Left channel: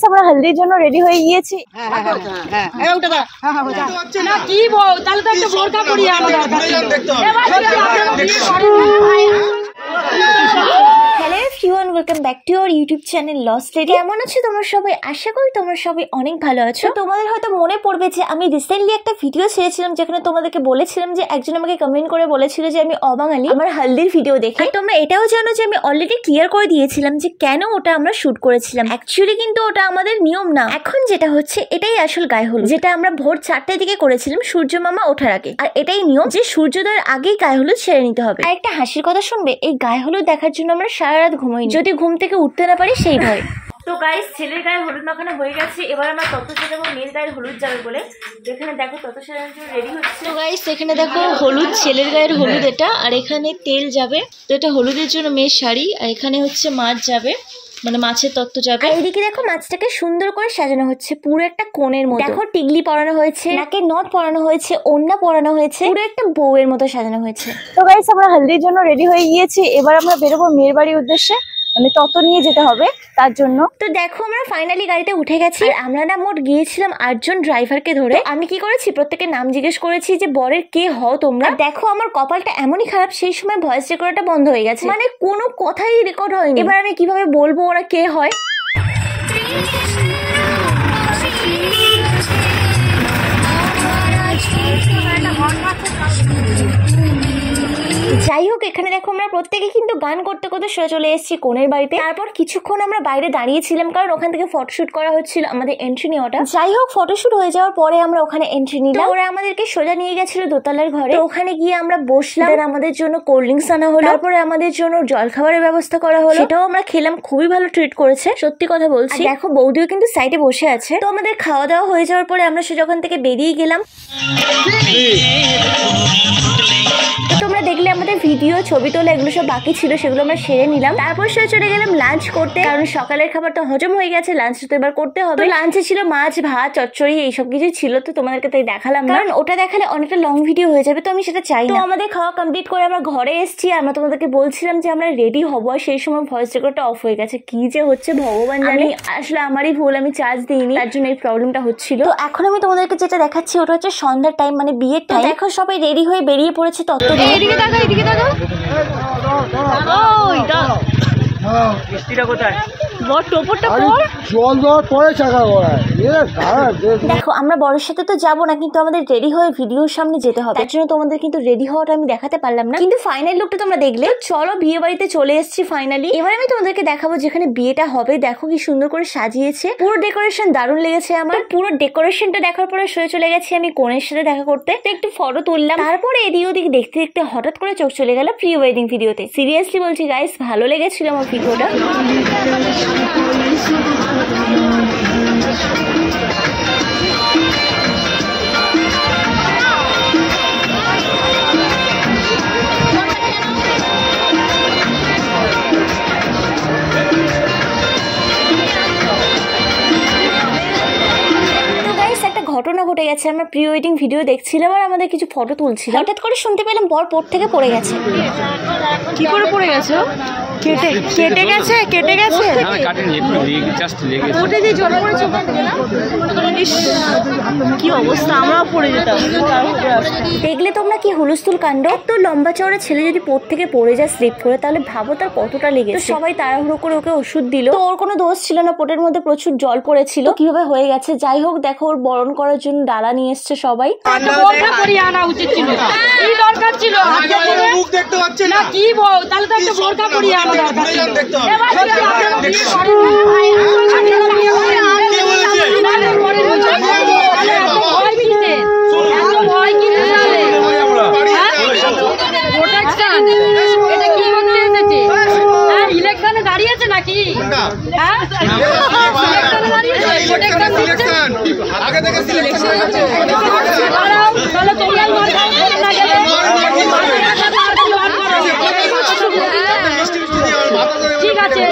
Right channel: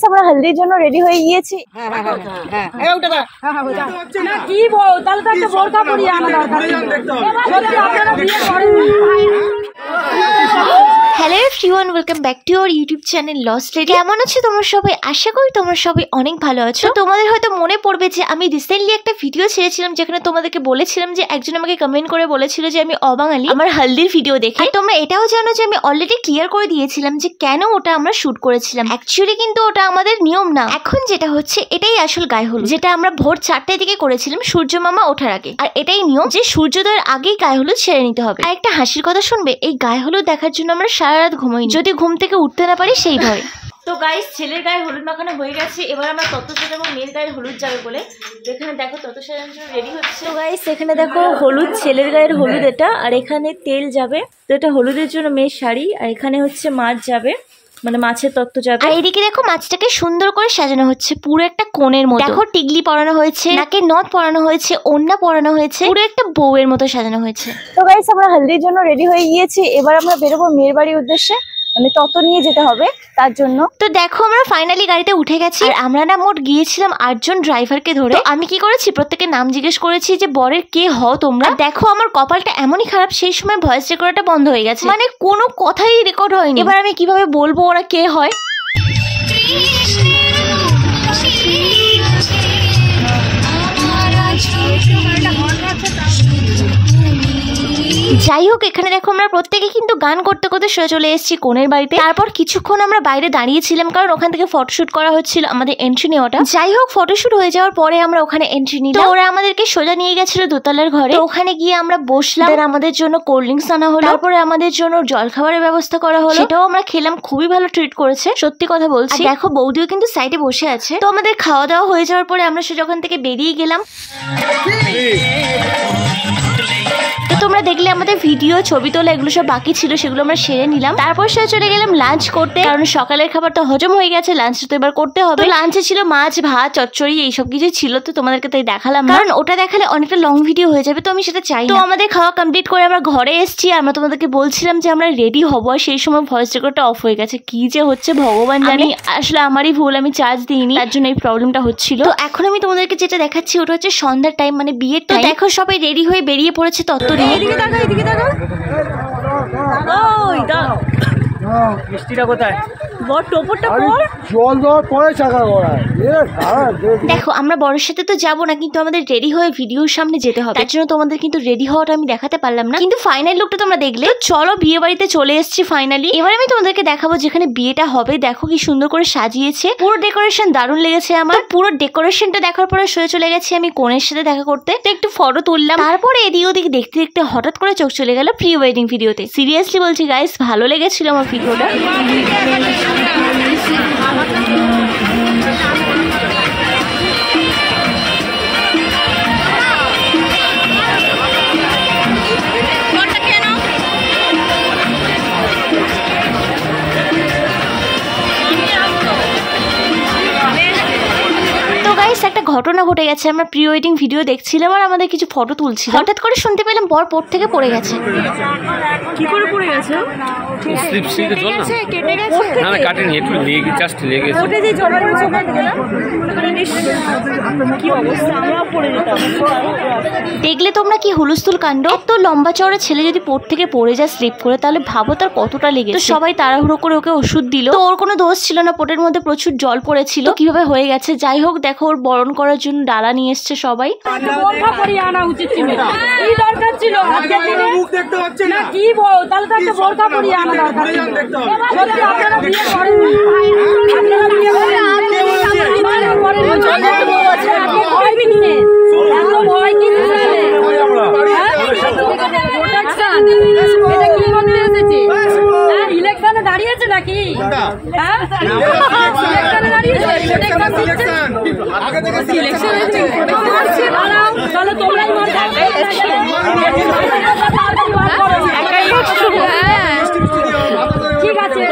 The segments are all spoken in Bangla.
গাইস আমরা হলদির জন্য রেডি হয়ে গিয়েছি। না কি বল, তাহলে তো একটা বোরকা পরিয়ে আনা দরকার ছিল। আপনারা বিয়ে করেন। Hello everyone, welcome back to our YouTube channel lost lady. কেমন আছো তোমরা সবাই? আশা করি তোমরা সবাই অনেক ভালো আছো। তোমাদের হয়তো মনে পড়বে যে আমি রিসেন্টলি একটা ভিডিও ছেড়েছিলাম যেখানে তোমাদেরকে বলেছিলাম যে একজন আমাকে কমেন্ট করে বলেছিল যে আমি অবাঙালি আমার হলদির ভিডিও দেখে। তোমরা এটাও জানো যে আমি অলরেডি ক্লিয়ার করে দিয়েছিলাম যে কেন ওটা আমরা শুট করেছিলাম। অ্যাকচুয়ালি কিন্তু ওটা আমাদের নিয়ম না। এখন যেটা হচ্ছে এটাই আসল গায়ে হলুদ, যেটা আমরা ভোর 4টার দিকে করেছিলাম সূর্য মামা ওঠার আগে। আর এটাই নিয়ম যে সূর্যোদয়ের আগেই গায়ে হলুদ সেরে নিতে হবে। আর একটা হাসির কথা শুনবে, এই গায়ে হলুদ দেখার জন্য আমরা সারা রাত ঘুমাই, যদি ঘুম থেকে উঠতে না পারি সেই ভয়। তো গাইস ছেলের গায়ে হলুদ মাখানো হয়ে গেছে, এবার আমরা তত্ত্বসাজ এবং মেয়ের গায়ের হলুদ যাবে বলে এখানে দেখো তত্ত্বসাজ রেডি হচ্ছে। তো গাইস এখানে দেখো হলুদ, ছেলের গায়ের হলুদ এটা, আর এখানে তেল যাবে। তো এটা হলুদের জন্য মেয়ের শাড়ি, আর এখানে হচ্ছে মাছ যাবে, মানে মাছের তত্ত্ব যাবে। আর এইদিকে দেখো মাছটাকে সুন্দর করে সাজানো হচ্ছে পুরো একটা কোণের মতো। দেখো টিগলি পরানো হয়েছে, নাকে নথ পরানো হয়েছে, ওড়না পরানো হয়েছে, পুরো একটা বউয়ের মতো সাজানো হয়েছে। তো গাইস আমরা হলদির জন্য রেডি হয়ে গিয়েছি, এবার আমরা বেরোবো মেয়ের বাড়ির উদ্দেশ্যে, মানে তত নিয়ে যেতে হবে তার জন্য। তো দেখো আমরা ফাইনালি গাড়িতে উঠে গেছি। আর আমরা না মোট গিয়েছিলাম 8 জন ড্রাইভারকে ধরে। আমি কি করেছি, প্রত্যেকের নাম জিজ্ঞেস করেছি যে বরের কে হও তোমরা। দেখো আমার কপালটা এমনই খারাপ, সেই সময় ভয়েস রেকর্ডটা বন্ধ হয়ে গেছে, মানে কোনো কথাই রেকর্ড হয়নি। এবার আমি কিভাবে বলবো ওরা কে হয়। যাই হোক এখানে দেখো আমরা প্রত্যেকে কিন্তু গান করতে করতে শুয়ে চলে এসেছি কোণের বাড়িতে। তারপর কিছুক্ষণ আমরা বাইরে দাঁড়িয়েছিলাম কারণ ওখান থেকে ফটোশুট করা হচ্ছিল, আমাদের এন্ট্রি নেওয়াটা। যাই হোক ফটোশুট হয়ে যাওয়ার পরে আমরা ওখানে এন্ট্রি নিলাম। ওরা আমাদেরকে সোজা নিয়ে গেছিল দোতলার ঘরে। তো ওখানে গিয়ে আমরা বসলাম, আমাদের জন্য কোল্ড ড্রিঙ্কস আনা হলো, তারপরে আমাদের জন্য জলখাবারের ব্যবস্থা করা হলো, সেটাও আমরা খেলাম। খুবই ভালো ট্রিট করেছে, সত্যি কথা বলছি। দেখো বৌদিও কিন্তু সাইডে বসে আছে। তো আমাদের খাওয়া দাওয়া হয়ে যাওয়ার পরে আমরা সোজা ওখান থেকে বেরিয়ে গেলাম। তোমরা দেখলে আমাদের ভিডিও, ছবি তোলা এগুলো সব বাকি ছিল, সেগুলো আমরা সেরে নিলাম। তারপর সে চলে গেলাম লাঞ্চ করতে, কারণ সকালের খাবার তো হজম হয়ে গেছে, লাঞ্চ তো এবার করতে হবে। লাঞ্চে ছিল মাছ, ভাত, চচ্চড়ি এইসব কিছু ছিল। তো তোমাদেরকে তাই দেখালাম, কারণ ওটা দেখালে অনেকটা লং ভিডিও হয়ে যাবে, তো আমি সেটা চাই না। তো আমাদের খাওয়া কমপ্লিট করে আমরা ঘরে এসেছি। আমরা তোমাদেরকে বলছিলাম যে আমরা রেডি হবো, আর সেই সময় ভয়েস রেকর্ডটা অফ হয়ে গেছে। কি যে হচ্ছে ভগবান জানি, আসলে আমারই ভুল, আমি চার্জ দিইনি, তার জন্য এই প্রবলেমটা হচ্ছিল। তো এখন আমি তোমাদেরকে যেটা দেখাচ্ছি ওটা হচ্ছে সন্ধ্যার টাইম, মানে বিয়ের টাইম। দেখো সবাই রেডি হয়ে বেরিয়ে পড়েছে তত্ত্ব নিয়ে। এদিকে তাকা, এদিকে তাকা। ওই দা মিষ্টিটা কোথায়? দেখো আমরা বড়ের সাথে তো যাবো না, কিন্তু আমাদের রেডি হয়ে ভিডিওর সামনে যেতে হবে, তার জন্য তোমাদের কিন্তু রেডি হওয়াটা আমি দেখাতে পারলাম না, কিন্তু ফাইনাল লুকটা তোমরা দেখলে। চলো বিয়ে বাড়িতে চলে এসেছি ফাইনালি। এবার আমি তোমাদেরকে দেখাবো যেখানে বিয়েটা হবে। দেখো কি সুন্দর করে সাজিয়েছে, পুরো ডেকোরেশন দারুণ লেগেছে আমার। পুরো ডেকোরেশনটা দেখার পরে শুয়ে চলে গেছি আমি কোণের সাথে দেখা করতে, একটু ফটো তুললাম। তারপরে এদিক ওদিক দেখতে দেখতে হঠাৎ করে চোখ চলে গেল প্রি ওয়েডিং ভিডিওতে। সিরিয়াসলি বলছি গাইস, ভালো লেগেছিল আমার ভিডিওটা। একটা ঘটনা ঘটে গেছে, আমরা প্রি ওয়েডিং ভিডিও দেখছিলাম আর আমাদের কিছু ফটো তুলছিলাম, হঠাৎ করে শুনতে পেলাম বর পর থেকে পড়ে গেছে। কি করে পড়ে গেছে? কেটে গেছে, কেটে গেছে, ওটা যে জল পড়েছে ওখান থেকে না? কি অবস্থা, আমরাও পড়ে যেতাম। দেখলে তোমরা কি হুলস্থুল কাণ্ড। তো লম্বা চওড়া ছেলে যদি পড় থেকে পড়ে যায় স্লিপ করে, তাহলে ভাবো তার কতটা লেগে। তো সবাই তাড়াহুড়ো করে ওকে ওষুধ দিল। তো ওর কোনো দোষ ছিল না, পোটের মধ্যে প্রচুর জল পড়েছিল, কিভাবে হয়ে গেছে। যাই হোক দেখো ওর বরণ করার জন্য ডালা নিয়ে এসছে সবাই। বোরকা পরিয়ে আনা উচিত ছিল, কি দরকার ছিল আজকের দিনে? মুখ দেখতে পাচ্ছেন না কি বল, তাহলে তো একটা বোরকা পরিয়ে আনা দরকার ছিল। সত্যি আপনারা বিয়ে করেন, আপনারা বিয়ে করেন। কে বলেছে? না করেন, ভয় কিসে? এত ভয় কিসে? প্রোটেকশন এটা কি করতে এসেছে? হ্যাঁ ইলেকশনে দাঁড়িয়েছে নাকি? হ্যাঁ ইলেকশনে দাঁড়িয়েছে, প্রোটেকশন সিলেকশন আগে থেকে সিলেকশন হচ্ছে। তাহলে তোমরা না গেলে ঠিক আছে,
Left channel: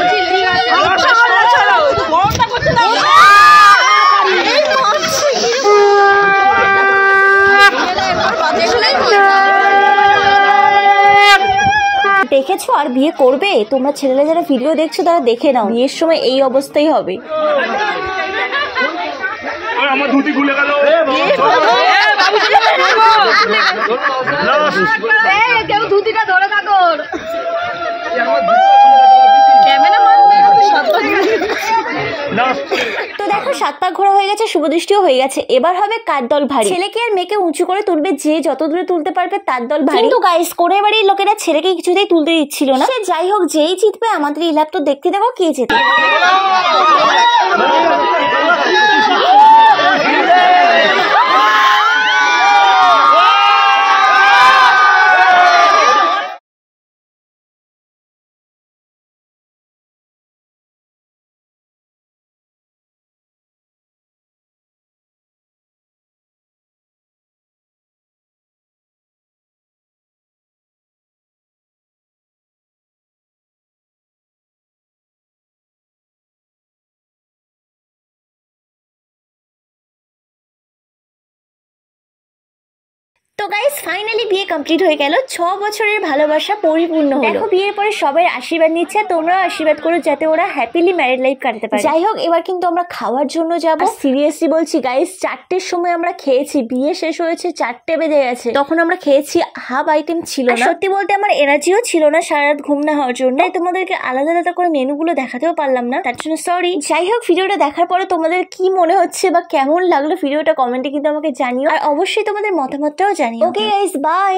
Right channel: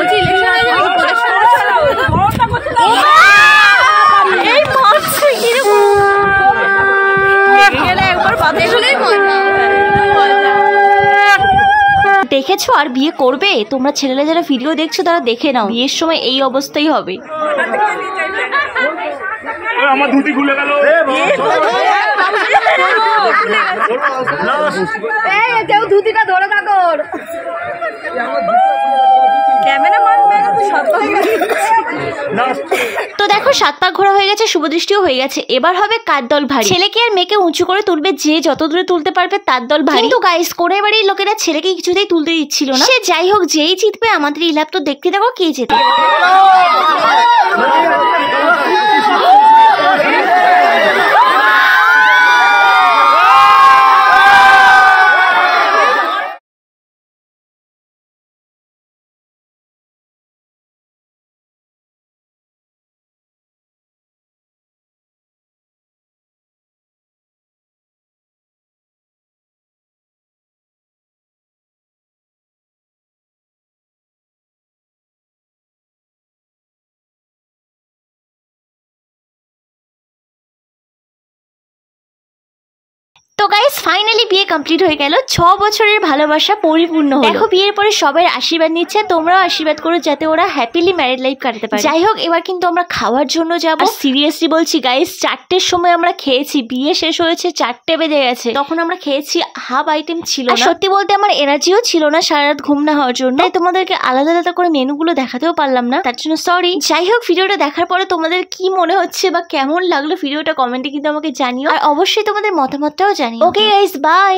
দেখে গেছো আর বিয়ে করবে? তোমরা ছেলেরা যারা ভিডিও দেখছো তারা দেখে নাও, বিয়ের সময় এই অবস্থাই হবে। আমার ধুতি খুলে গেল। কেউ ধুতিটা ধরে থাকো। তো দেখো 7 পাক ঘোরা হয়ে গেছে, শুভদৃষ্টিও হয়ে গেছে। এবার হবে কার দল ভারী। ছেলেকে আর মেয়েকে উঁচু করে তুলবে, যে যত দূরে তুলতে পারবে তার দল ভারী। কিন্তু গাইস কোণের বাড়ির লোকেরা ছেলেকে কিছুতেই তুলতে দিচ্ছিল না। সে যাই হোক, যেই জিতবে আমাদের ইলাপ তো দেখতে দেখো কে জেতে। তো গাইস ফাইনালি বিয়ে কমপ্লিট হয়ে গেল। 6 বছরের ভালোবাসা পরিপূর্ণ হলো। দেখো বিয়ের পরে সবাই আশীর্বাদ নিচ্ছে, তোমরাও আশীর্বাদ করো যাতে ওরা হ্যাপিলি ম্যারিড লাইফ কাটাতে পারে। যাই হোক, এবার কিন্তু আমরা খাওয়ার জন্য যাব। সিরিয়াসলি বলছি গাইস, 4টের সময় আমরা খেয়েছি, বিয়ে শেষ হয়েছে 4টে বেজে গেছে, তখন আমরা খেয়েছি, হাফ আইটেম ছিল না। সত্যি বলতে আমার এনার্জিও ছিল না সারা রাত ঘুম না হওয়ার জন্য, তাই তোমাদেরকে আলাদা আলাদা করে মেনুগুলো দেখাতেও পারলাম না, তার জন্য সরি। যাই হোক, ভিডিওটা দেখার পরে তোমাদের কি মনে হচ্ছে বা কেমন লাগলো ভিডিওটা কমেন্টে কিন্তু আমাকে জানিও, আর অবশ্যই তোমাদের মতামতটাও জানিও। Okay guys, by.